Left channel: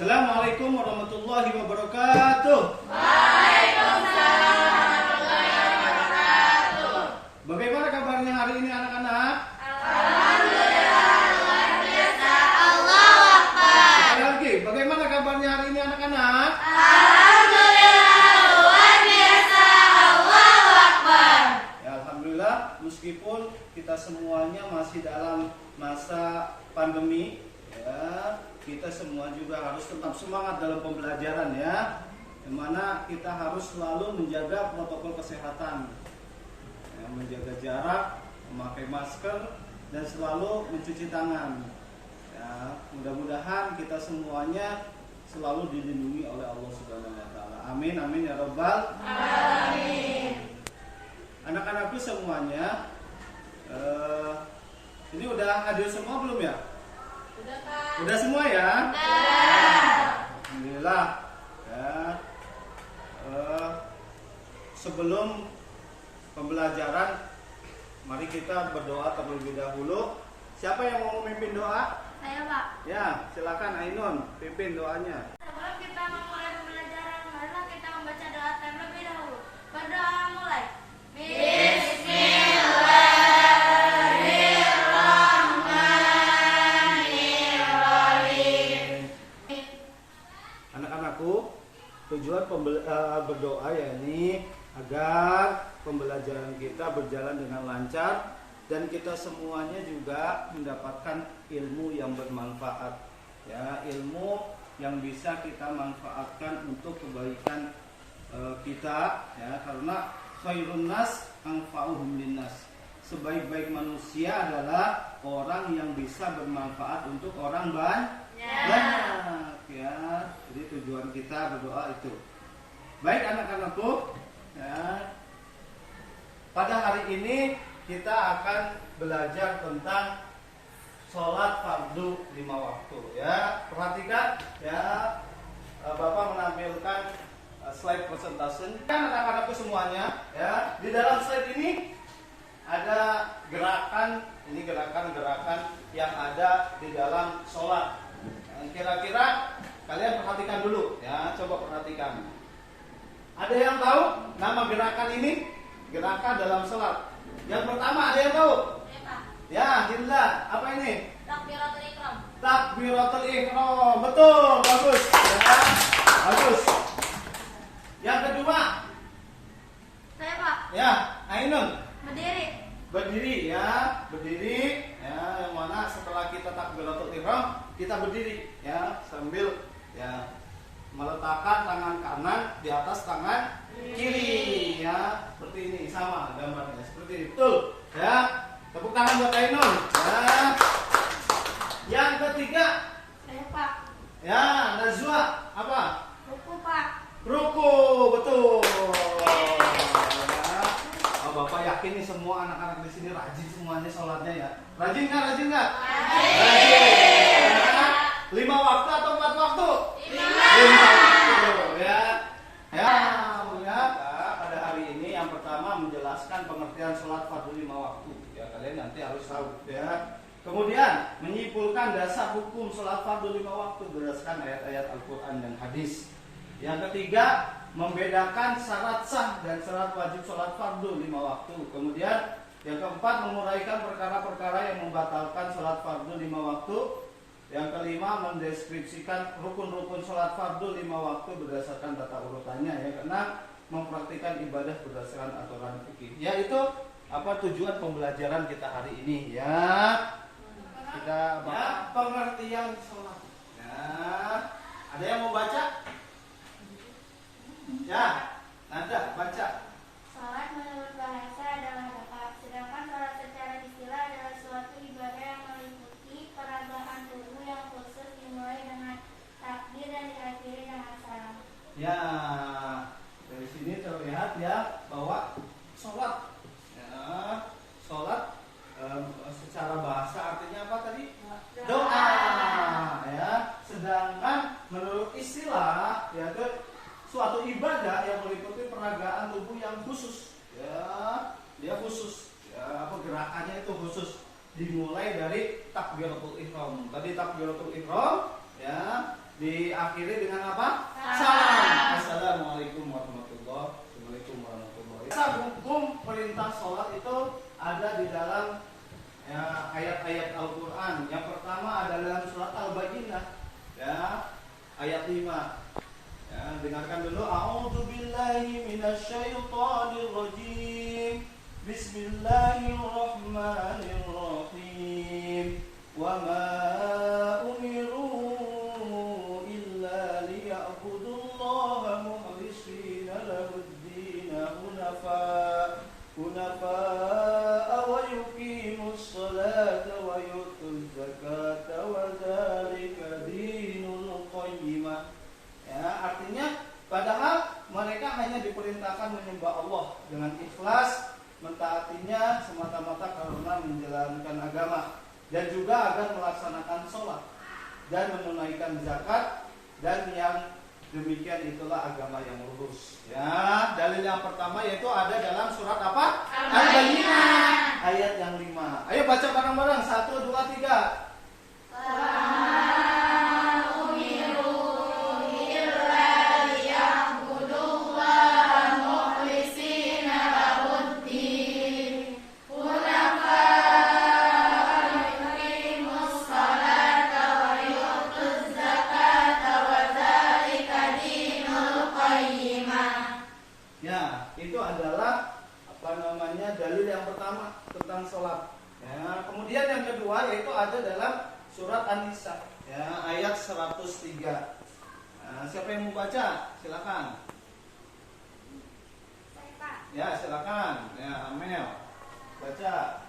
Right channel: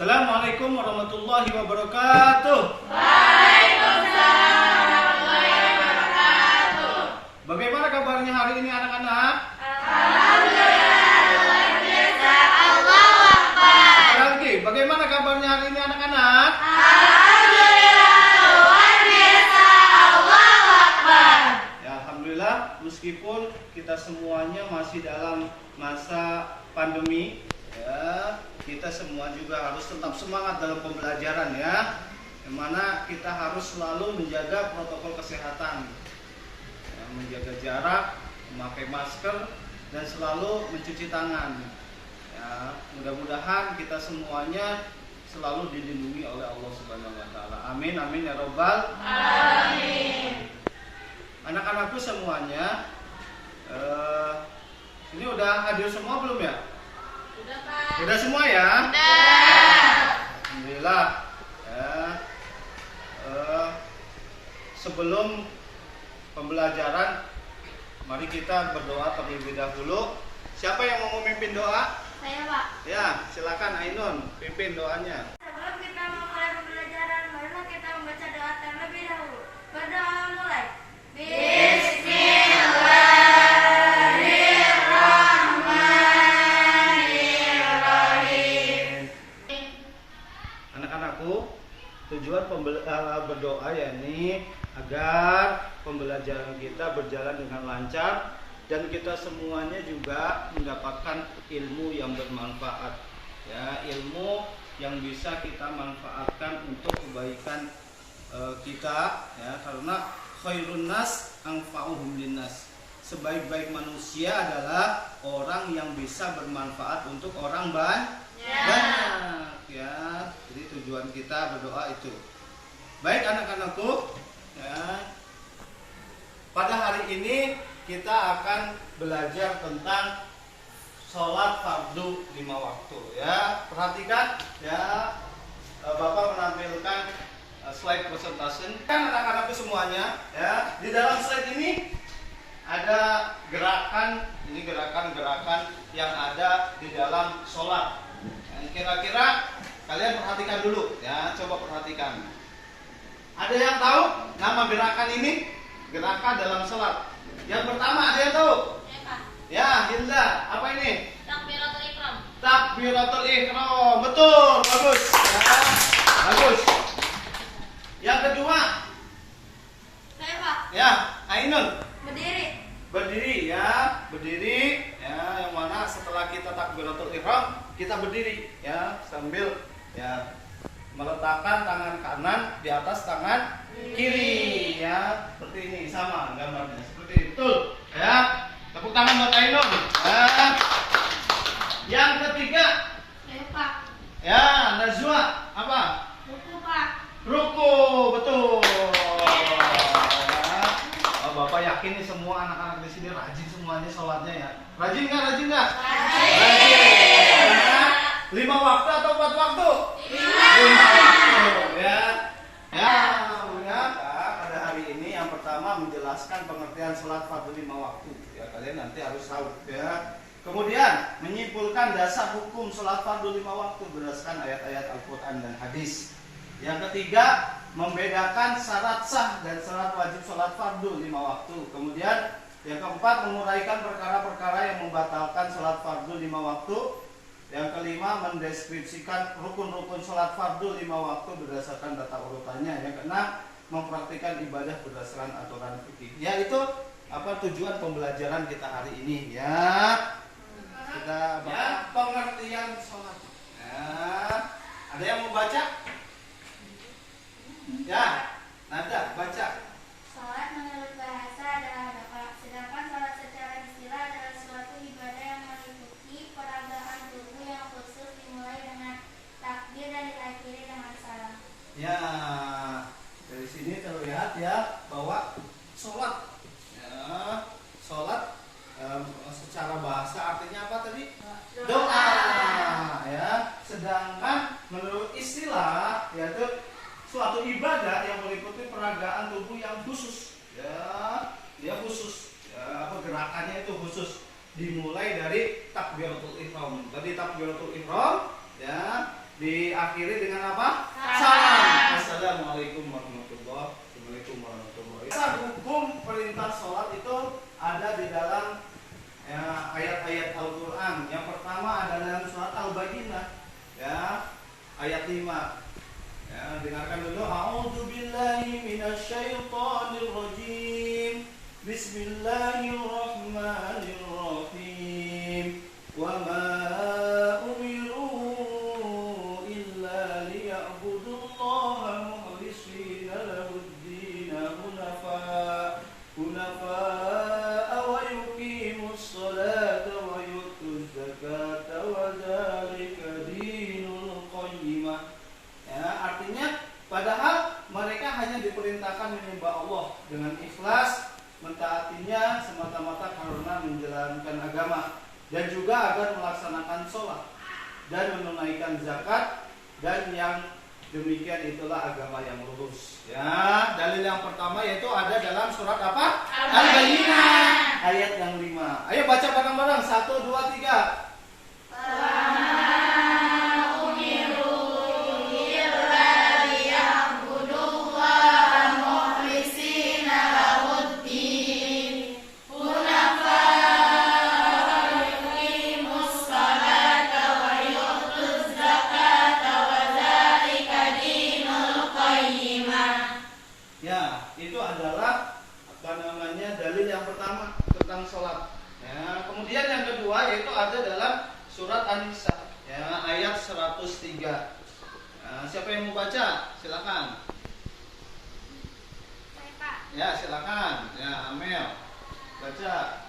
Assalamualaikum warahmatullahi wabarakatuh. Waalaikumsalam warahmatullahi wabarakatuh. Bagaimana kabarnya hari ini anak-anak? Alhamdulillah luar biasa. Allahu Akbar. Sekali lagi, bagaimana kabarnya hari ini anak-anak? Alhamdulillah luar biasa. Allahu Akbar. Ya, alhamdulillah, meskipun kita semuanya masih dalam masa pandemi, ya, kita semua juga harus tetap semangat dalam pembelajaran, ya. Yang mana kita harus selalu menjaga protokol kesehatan, ya, menjaga jarak, memakai masker, dan selalu mencuci tangan. Ya, mudah-mudahan kita semuanya selalu dilindungi oleh Allah Subhanahu Wa Taala. Amin, amin ya robbal. Amin. Anak-anakku semuanya, ini udah hadir semua belum ya? Udah, Pak. Udah semua ya? Udah. Alhamdulillah. Ya. Sebelum pembelajaran, mari kita berdoa terlebih dahulu. Siapa yang mau memimpin doa? Saya, Pak. Ya, silakan Ainun, pimpin doanya. Sebelum kita memulai pembelajaran, marilah kita membaca doa terlebih dahulu. Berdoa mulai. Bismillahirrahmanirrahim. Anak-anakku, tujuan berdoa yakni agar pembelajaran kita berjalan dengan lancar dan kita semuanya juga mendapatkan ilmu yang bermanfaat, ya, ilmu yang bisa kita manfaatkan untuk kebaikan kita, ya, karena khairun nas anfa'uhum linnas. Sebaik-baik manusia adalah orang yang bisa bermanfaat untuk orang banyak, ya. Jadi tujuan kita berdoa itu. Baik anak-anakku, ya. Pada hari ini kita akan belajar tentang sholat fardu 5 waktu, ya. Perhatikan, ya, Bapak menampilkan slide presentation. Kan anak-anakku semuanya, ya. Di dalam slide ini ada gerakan, ini gerakan-gerakan yang ada di dalam sholat. Yang kira-kira kalian perhatikan dulu, ya. Coba perhatikan. Ada yang tahu nama gerakan ini? Gerakan dalam sholat. Yang pertama ada yang tahu? Ya, Pak. Ya, Hilda. Apa ini? Takbiratul ihram. Takbiratul ihram. Betul, bagus. Ya, bagus. Yang kedua? Saya, Pak. Ya, Ainun. Berdiri. Berdiri, ya. Berdiri, ya, yang mana setelah kita takbiratul ihram, kita berdiri, ya, sambil, ya, meletakkan tangan kanan di atas tangan kiri, ya, seperti ini, sama gambarnya, seperti itu, ya. Tepuk tangan buat Ainun, ya. Yang ketiga, Saya, Pak. ya, Najwa, apa? Ruku, Pak. Ruku, betul. Ya. Oh, Bapak yakin nih semua anak-anak di sini rajin semuanya sholatnya, ya. Rajin nggak? Rajin nggak? Rajin. Ya. 5 waktu atau 4 waktu? 5 waktu, ya. Ya, pada hari ini yang pertama menjelaskan pengertian sholat fardu 5 waktu. Ya, kalian nanti harus tahu, ya. Kemudian menyimpulkan dasar hukum sholat fardu 5 waktu berdasarkan ayat-ayat Al-Quran dan hadis. Yang ketiga, membedakan syarat sah dan syarat wajib sholat fardu 5 waktu. Kemudian yang keempat, menguraikan perkara-perkara yang membatalkan sholat fardu 5 waktu. Yang kelima, mendeskripsikan rukun-rukun sholat fardu 5 waktu berdasarkan tata urutannya. Yang keenam, mempraktikkan ibadah berdasarkan aturan fikih. Ya, itu apa tujuan pembelajaran kita hari ini, ya. Kita bahas pengertian sholat. Ya. Ada yang mau baca? Ya, Nada, baca. Salat menurut bahasa adalah dapat, sedangkan salat secara istilah adalah suatu ibadah yang meliputi peragaan tubuh yang khusus dimulai dengan takbir dan diakhiri dengan salam. Ya, dari sini terlihat, ya, bahwa sholat, ya, sholat secara bahasa artinya apa tadi? Doa, ya. Sedangkan menurut istilah, yaitu suatu ibadah yang meliputi peragaan tubuh yang khusus, ya, dia khusus, ya, apa gerakannya itu khusus, dimulai dari takbiratul ihram. Tadi takbiratul ihram, ya, diakhiri dengan apa? Salam. Assalamualaikum warahmatullahi wabarakatuh. Hukum perintah sholat itu ada di dalam ayat-ayat Al-Quran. Yang pertama ada dalam surat Al-Baqarah, ya, ayat 5. Ya, dengarkan dulu. A'udzubillahi minasyaitonirrajim. Bismillahirrahmanirrahim. Wa ma umiru illa liya'budullaha mukhlishina lahud-din hunafa wa yuqimus sholata wa yutuz zakata wa dzalika dinul qayyimah. Ya, artinya padahal mereka hanya diperintahkan menyembah Allah dengan ikhlas, mentaatinya semata-mata karena menjalankan agama, dan juga agar melaksanakan sholat dan menunaikan zakat, dan yang demikian itulah agama yang lurus. Ya, dalil yang pertama yaitu ada dalam surat apa? Al-Baqarah ayat yang 5. Ayo baca bareng-bareng, 1, 2, 3. Dalil yang pertama tentang sholat. Ya, kemudian yang kedua yaitu ada dalam surat An-Nisa, ya, ayat 103. Nah, siapa yang mau baca? Silakan. Ya, silakan. Ya, Amel. Baca.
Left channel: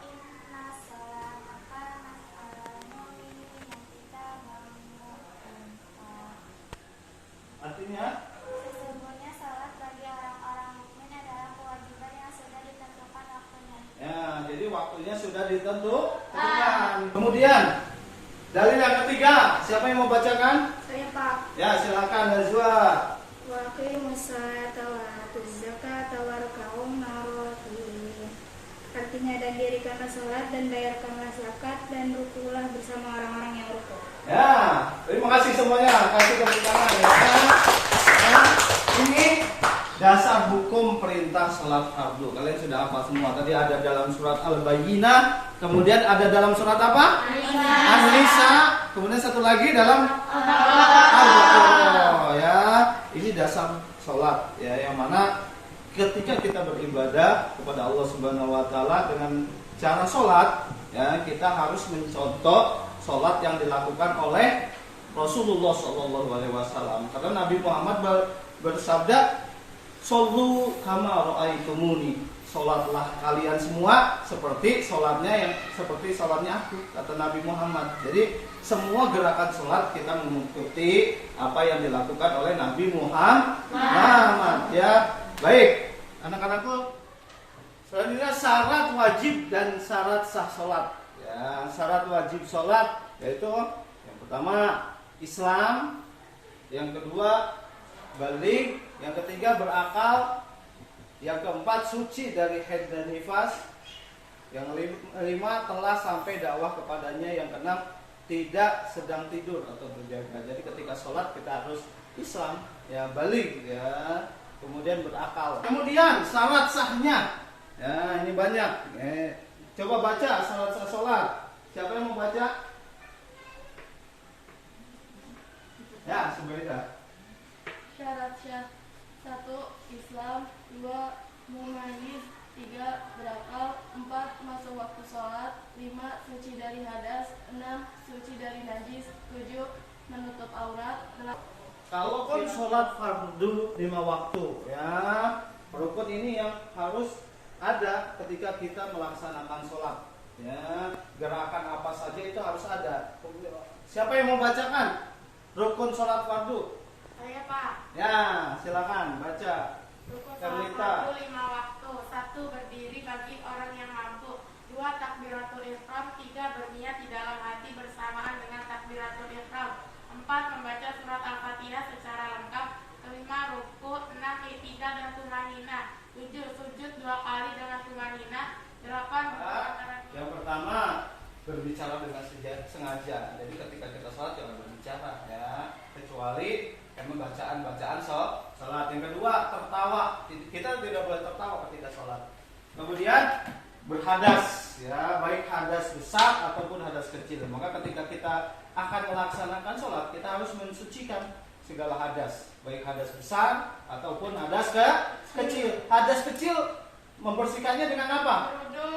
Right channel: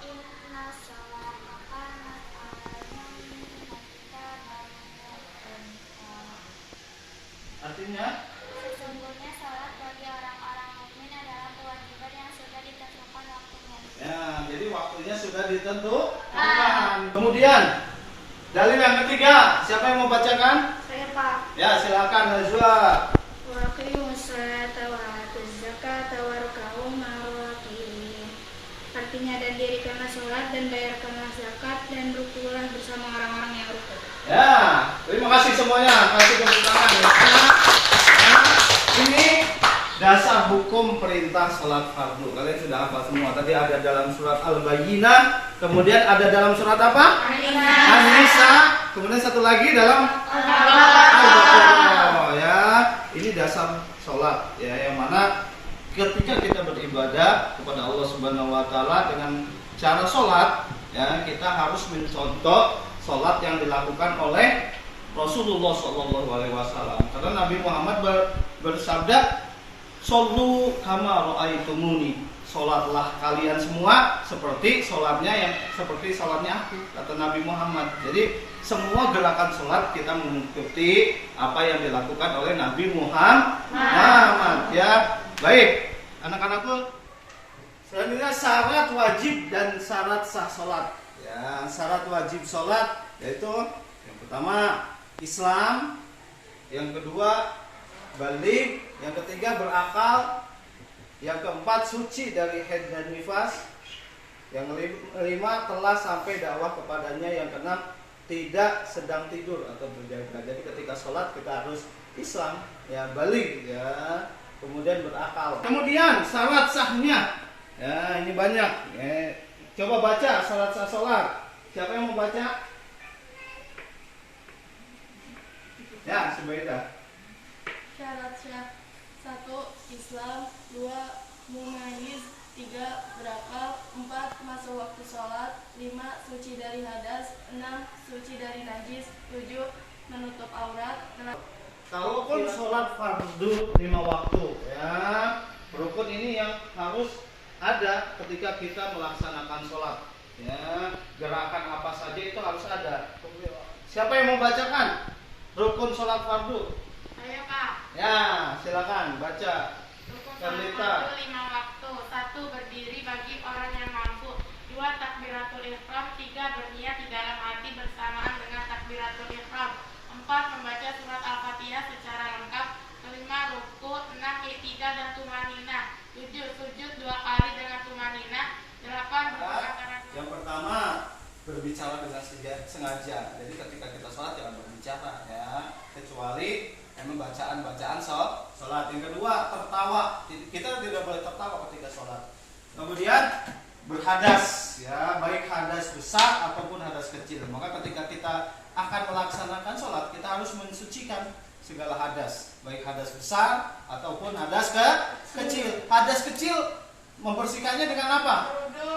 Artinya? Sesungguhnya salat bagi orang-orang mukmin adalah kewajiban yang sudah ditentukan waktunya. Ya, jadi waktunya sudah ditentukan. Kemudian dalil yang ketiga, siapa yang mau bacakan? Saya, Pak. Ya, silakan Najwa. Wa aqimus sholata wa atuz zakata warka'u ma'ar-raki'in. Artinya, dan dirikanlah sholat dan bayarkanlah zakat dan rukulah bersama orang-orang yang rukuk. Ya, terima kasih semuanya. Kasih tepuk tangan ya. Nah, ini dasar hukum perintah salat fardu. Kalian sudah hafal semua. Tadi ada dalam surat Al-Baqarah, kemudian ada dalam surat apa? An-Nisa. Kemudian satu lagi dalam Al-Baqarah. Ya, ini dasar salat ya, yang mana ketika kita beribadah kepada Allah Subhanahu wa taala dengan cara salat, ya, kita harus mencontoh salat yang dilakukan oleh Rasulullah SAW. Karena Nabi Muhammad bersabda, "Shollu kama ra'aitumuni." Salatlah kalian semua seperti salatnya aku, kata Nabi Muhammad. Jadi semua gerakan salat kita mengikuti apa yang dilakukan oleh Nabi Muhammad. Ya, baik, anak-anakku. Selanjutnya syarat wajib dan syarat sah salat. Ya, syarat wajib salat yaitu yang pertama Islam, yang kedua baligh, yang ketiga berakal, yang keempat suci dari haid dan nifas, yang kelima telah sampai dakwah kepadanya, yang keenam tidak sedang tidur atau berjaga. Jadi ketika sholat kita harus Islam, ya, baligh, ya, kemudian berakal. Kemudian syarat sahnya, ya, ini banyak. Coba baca syarat sah sholat. Siapa yang mau baca? Ya, Subaidah. Syarat sah: 1. Islam, 2. Mumayyiz, 3. Berakal, 4. Masuk waktu sholat, 5. Suci dari hadas, 6. Suci dari najis, 7. Menutup aurat. Kalaupun sholat fardu 5 waktu, ya, rukun ini yang harus ada ketika kita melaksanakan sholat, ya, gerakan apa saja itu harus ada. Siapa yang mau bacakan rukun sholat fardu? Ayo, Pak. Ya, silakan baca. Rukun sholat Karlita. fardu 5 waktu. 1. Berdiri bagi orang yang mampu. 2. Takbiratul ihram. 3. Berniat di dalam hati bersamaan dengan takbiratul ihram. 4. Membaca surat Al-Fatihah secara lengkap. 5. Ruku. 6. I'tidal dan tumanina. 7. Sujud 2 kali dengan tumanina. 8. Yang pertama, berbicara dengan sengaja. Jadi ketika kita sholat jangan berbicara, ya. kecuali bacaan sholat. Yang kedua, tertawa. Kita tidak boleh tertawa ketika sholat. Kemudian berhadas, ya, baik hadas besar ataupun hadas kecil. Maka ketika kita akan melaksanakan sholat, kita harus mensucikan segala hadas, baik hadas besar ataupun hadas kecil. Hadas kecil membersihkannya dengan apa?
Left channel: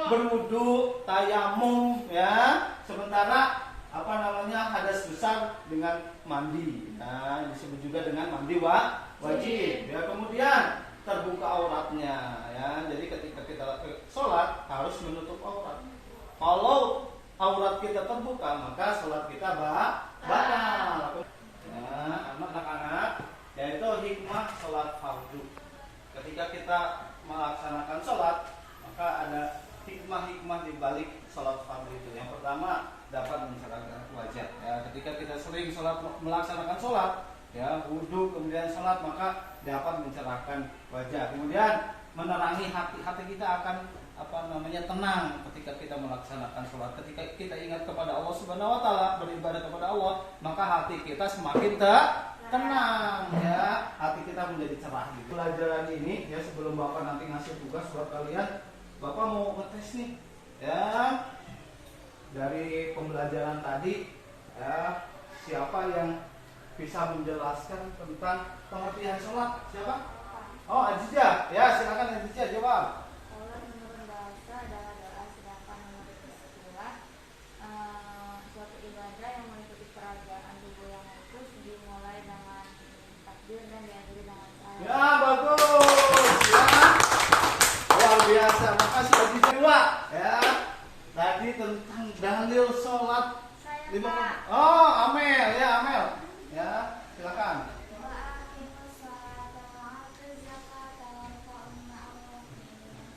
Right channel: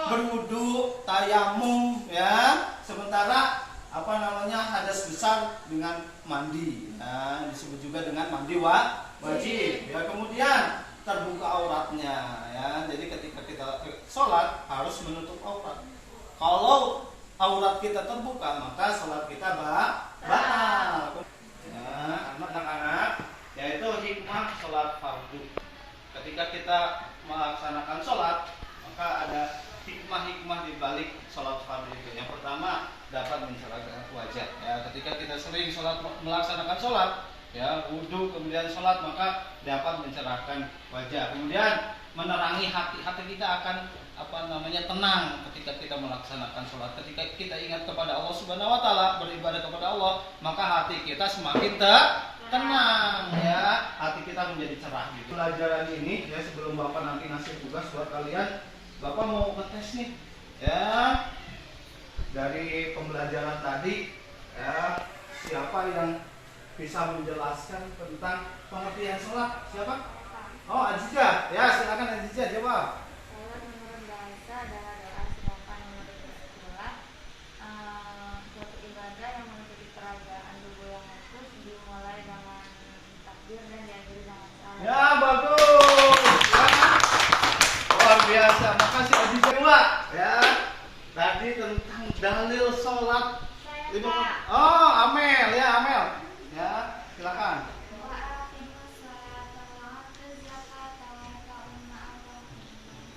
Berwudu, tayamum, ya. Sementara hadas besar dengan mandi. Nah, disebut juga dengan mandi wajib. Ya, kemudian terbuka auratnya, ya. Jadi ketika kita sholat harus menutup aurat. Kalau aurat kita terbuka, maka sholat kita batal. Ya, anak-anak, yaitu hikmah sholat fardu. Ketika kita melaksanakan sholat, maka ada hikmah-hikmah di balik sholat fardu itu. Yang pertama, dapat mencerahkan wajah. Ya, ketika kita sering melaksanakan sholat, ya, wudhu kemudian sholat, maka dapat mencerahkan wajah. Kemudian menerangi hati kita akan tenang ketika kita melaksanakan sholat. Ketika kita ingat kepada Allah Subhanahu Wa Taala, beribadah kepada Allah, maka hati kita semakin tenang, ya, hati kita menjadi cerah. Gitu. Pelajaran ini, ya, sebelum Bapak nanti ngasih tugas buat kalian, Bapak mau ngetes nih, ya, dari pembelajaran tadi, ya, siapa yang bisa menjelaskan tentang pengertian sholat? Siapa? Oh, Ajija. Ya, silakan Ajija jawab. Sholat menurut bahasa adalah doa, sedangkan menurut istilah suatu ibadah yang meliputi peragaan tubuh yang khusus, dimulai dengan takbir dan diakhiri dengan salam. Ya, bagus. Ya. Luar biasa. Makasih Ajija. Dua, ya. Tadi tentang dalil sholat. Oh, Amel, ya, Amel. Ya, silakan.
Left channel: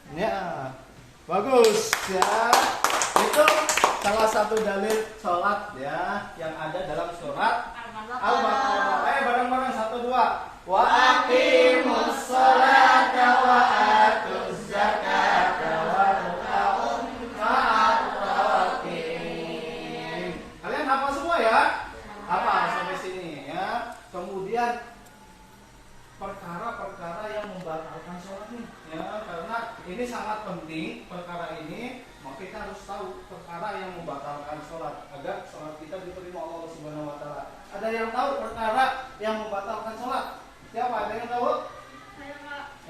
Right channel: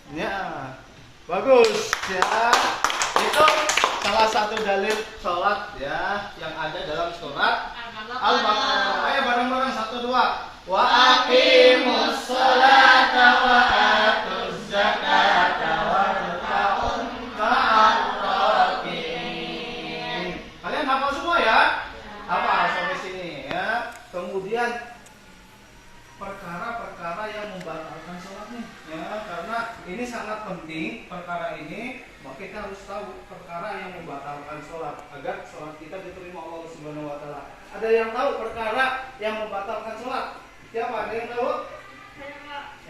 Ya, bagus, ya. Itu salah satu dalil sholat, ya, yang ada dalam surat Al-Baqarah. Ayo bareng-bareng 1, 2. Wa aqimus sholata wa atuz zakata warka'u ma'ar raki'in. Kalian hafal semua ya? Hafal sampai sini, ya. Kemudian perkara-perkara yang membatalkan sholat nih, ya, karena ini sangat penting perkara ini, maka kita harus tahu perkara yang membatalkan sholat agar sholat kita diterima Allah Subhanahu Wa Taala. Ada yang tahu perkara yang membatalkan sholat? Siapa? Ada yang tahu?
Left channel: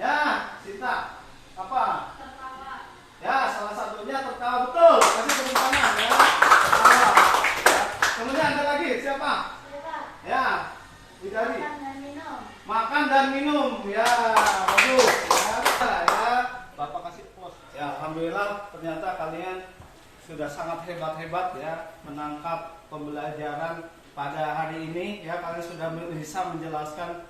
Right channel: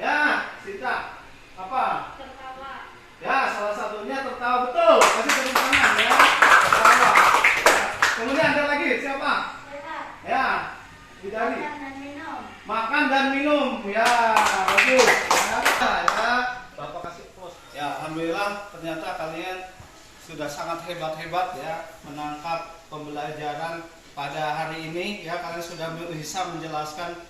Ya, Sita. Apa? Tertawa. Ya, salah satunya tertawa, betul. Kasih tepuk tangan, ya. Tertawa. Ya. Kemudian ada lagi siapa? Ya, Widari. Makan dan minum, ya, bagus, ya, Bapak kasih pos. Ya, alhamdulillah ternyata kalian sudah sangat hebat ya menangkap pembelajaran pada hari ini, ya. Kalian sudah bisa menjelaskan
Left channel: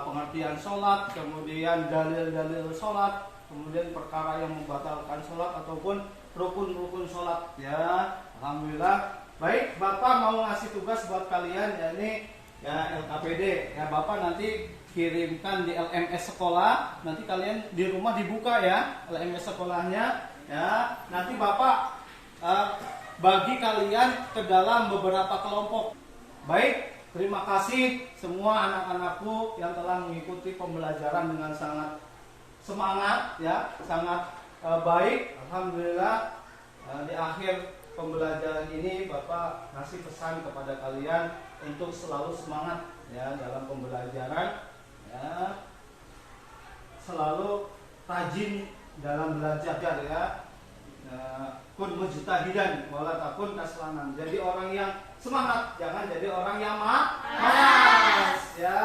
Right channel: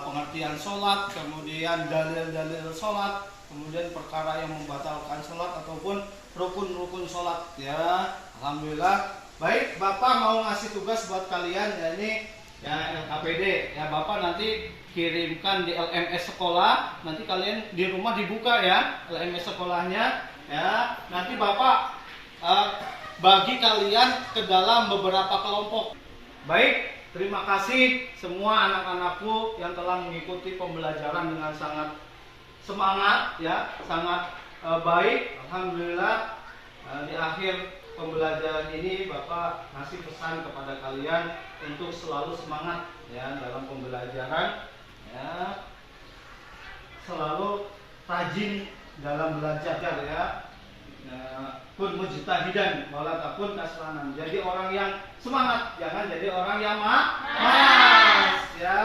pengertian sholat, kemudian dalil-dalil sholat, kemudian perkara yang membatalkan sholat ataupun rukun-rukun sholat, ya. Alhamdulillah. Baik, Bapak mau ngasih tugas buat kalian, ya, ini ya LKPD, ya, Bapak nanti kirimkan di LMS sekolah, nanti kalian di rumah dibuka, ya, LMS sekolahnya, ya. Nanti Bapak bagi kalian ke dalam beberapa kelompok. Baik, terima kasih semua anak-anakku yang telah mengikuti pembelajaran dengan sangat semangat, ya, sangat baik. Alhamdulillah, di akhir pembelajaran ini Bapak ngasih pesan kepada kalian untuk selalu semangat, ya, dalam pembelajaran, ya, selalu rajin dalam belajar, ya, kun mujtahidan wala takun kaslanan. Jadi orang yang semangat, jangan jadi orang yang malas, ya.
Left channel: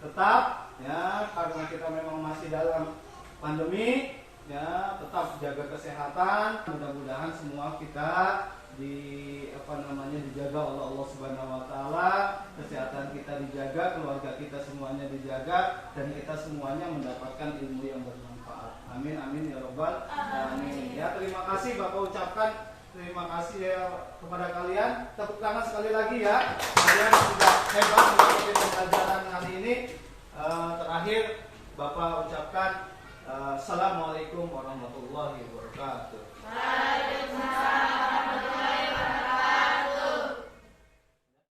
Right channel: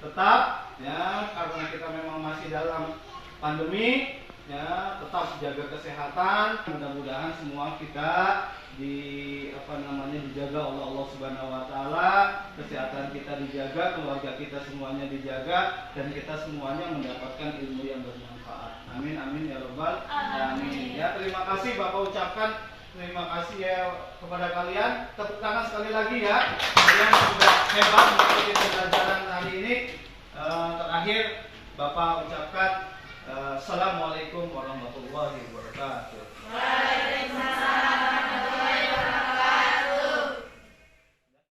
Tetap, ya, karena kita memang masih dalam pandemi, ya, tetap jaga kesehatan. Mudah-mudahan semua kita dijaga oleh Allah Subhanahu Wa Taala, kesehatan kita dijaga, keluarga kita semuanya dijaga, dan kita semuanya mendapatkan ilmu yang bermanfaat. Amin amin ya robbal alamin. Ya, terima kasih Bapak ucapkan terima kasih, ya, kepada kalian. Tepuk tangan sekali lagi, ya. Kalian sudah hebat mengikuti pembelajaran hari ini. Terakhir Bapak ucapkan Assalamualaikum warahmatullahi wabarakatuh. Waalaikumsalam.